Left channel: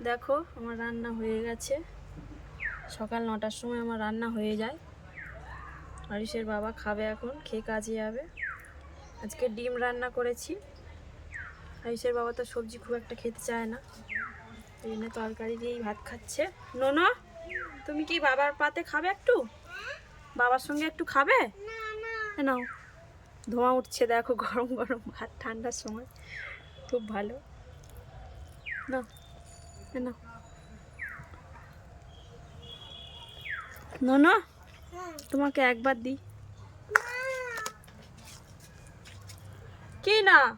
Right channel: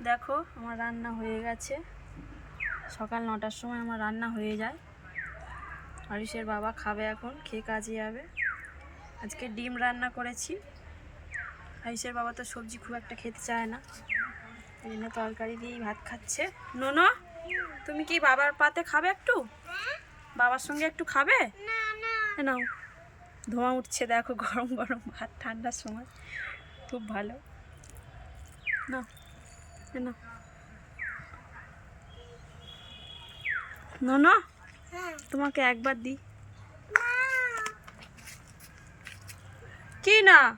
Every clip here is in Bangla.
দেখো আমার রান্না হয়ে গেছে। সকাল নটার সময় আমার রান্না হয়ে যায়। হরিশের বাবা খাবে এখন খেয়ে কাজে যাবে। আজকে ডিম রান্না করেছি। হরিশের বাবা তো সবজি খুব একটা খেতে চায় না। ওই জন্য তরকারি দিয়েই ভাত খাচ্ছে। নোনো তুমি কি বাবার পাতে খাবে একটু? বাবার সঙ্গে একটু খাবে? নাও। ধোঁয়া উঠছে দেখো গরম গরম ভাত ঠান্ডার সময়। খুব ভালো। না না। না তোমাকে একবার দিই। কি না?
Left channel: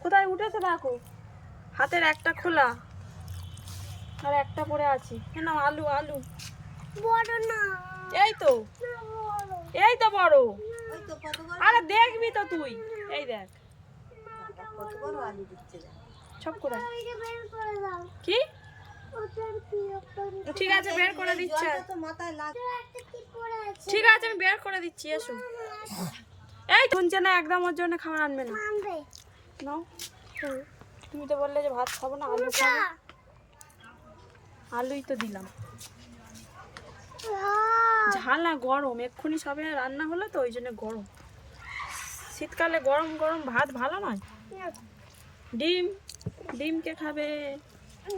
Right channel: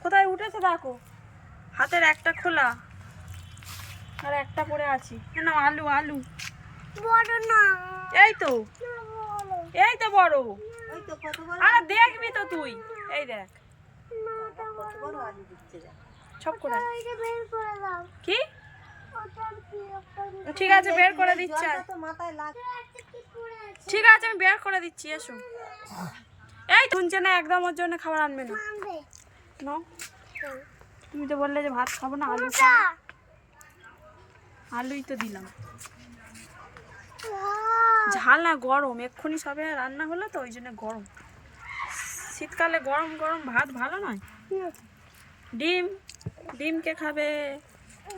কোথায় উঠেছে দেখো। হাতের একটা খোলা। আর একটা পরে আছি। না আলু আলু। বড় না। এই তো। এই তো বড়। আরে দেখবি তো তুই। এই দেখ। সব করে কি? ঠিক আছে বের করে দিচ্ছি আয়। একটা কি পড়ে আছে? ঠিক আছে আমি বের করে দিচ্ছি এসো। এই শুনছে না একদম ওর জন্য খাবার আনবে না। আনবে। নাও। তুমি তো বললে যে ভাত খাব না আলু খাব। আলুই তো দিলাম। ঝাল না গরম। এক্ষুনি সবে রান্না হলো তো ওই জন্য গরম। শীতকালে গরম গরম ভাত ভালো নয়? ডিম ডিম কে খাবে?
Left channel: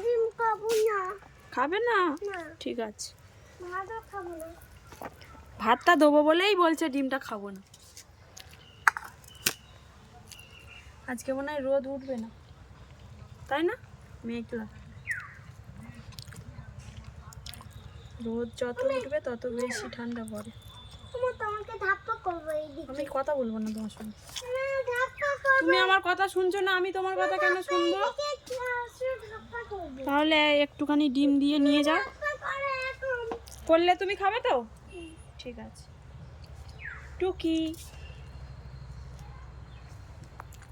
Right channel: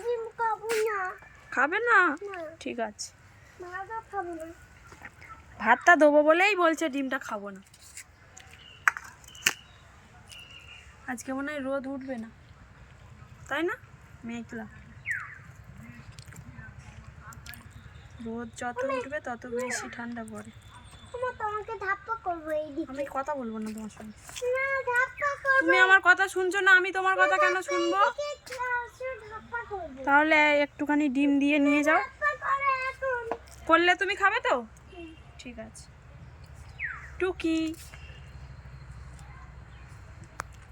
ডিম খাব না। খাবে না? ঠিক আছে। ভাতটা দেবো বলেই বলছে ডিমটা খাব না। আজকে মনে হয় রোদ উঠবে না। তাই না? মেঘলা। রোদ যত উঠবে তত বেশি ঠান্ডা পড়ে। তোমাকে আমি কথা বলব না তোমার সঙ্গে। না তুমি আমার কথা শুনছো না আমি তোমার কথা কেন শুনব? তাহলে একটুখানি ডিম দিয়ে নিয়ে যাও। করলে তুমি খাবে তো? ঠিক আছে। টুকি।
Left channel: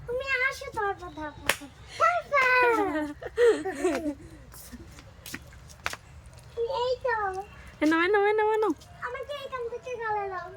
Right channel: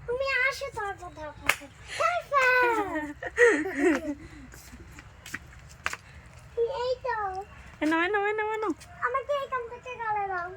তুমি আসো ধাপ্পা করব। এই তো এনো এনো এনো এনো আমাকে এখান থেকে গেলে নাও